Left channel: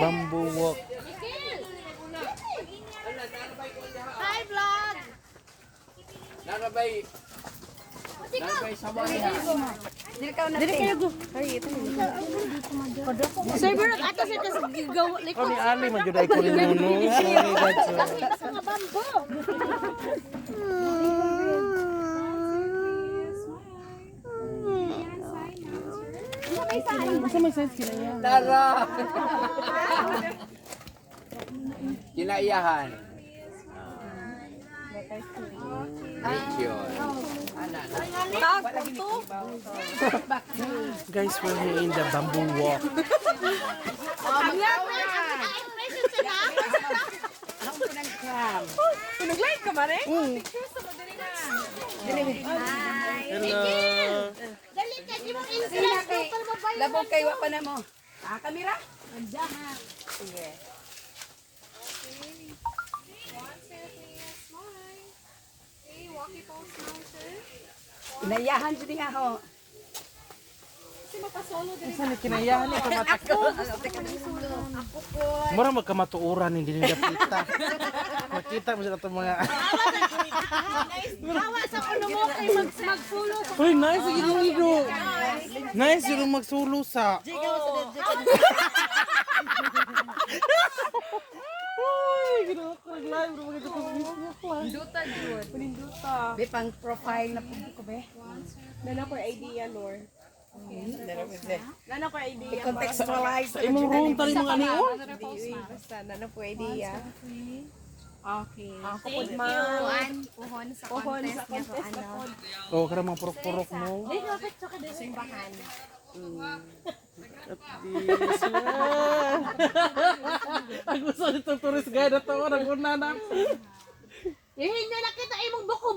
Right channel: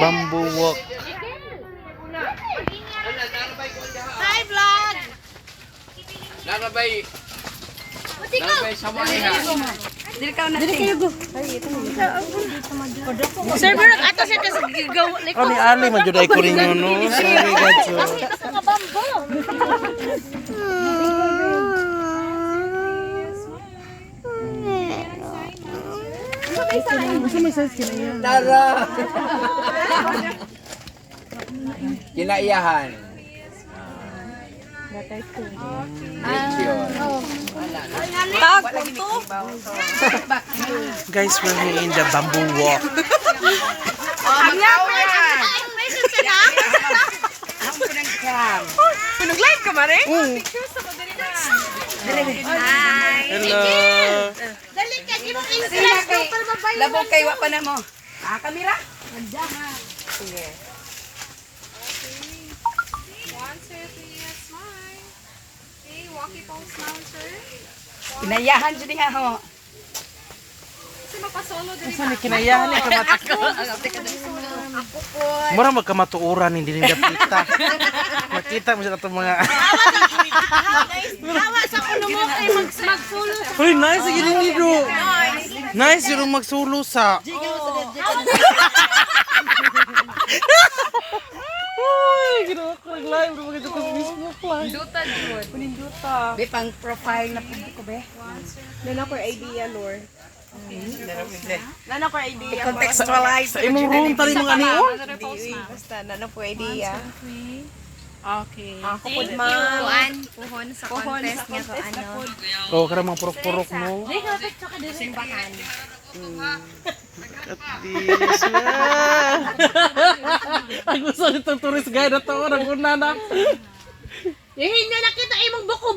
Bamboo walk. Hi, vlog! Narabay sama niya. Dili kayo go. Sir, pero ato sir kasi gigaw Oh, ni Ali man jud ay ko rin yun, no? Sorry, God. Nakita sa nga bambo. Tara! Kinaiyahan. Guys, we're here in the bamboo walk. Pinag-live ka ba rin? Hello. Dali ka, di mo i-stress ko para mabayan. Labog kayo pa na mo. Kamera? Okay. 1, 2, 3, smile. Okay, walkie pose now, sir. Inayahan siya nga ho. Kasi magpa-solo din Saan kinayahan ni Mura magkamatuuran hindi nila kita. Makita mo sila itong mga... Hawa sa ulo mo kay mag-follow. Uy, nice yun nito. Nice yung magsulo sa... Uy, ginawa ko nag-live. Maganda ko sa Facebook lang. Be pang profile na publiko be. Nana ko idea, Lord. Nana ko idea. Contextualize. Sa imong room, tali mga ani, oh. Basta nana ko idea. Okay. Ako po Thank ma. you. Puhon sa contest nga ko ano. Oh, karang mga purok-purok mo. Simbahan. At least, Ang gusto nitong tourist guide na to, naguna na. Hindi na nakita imong buko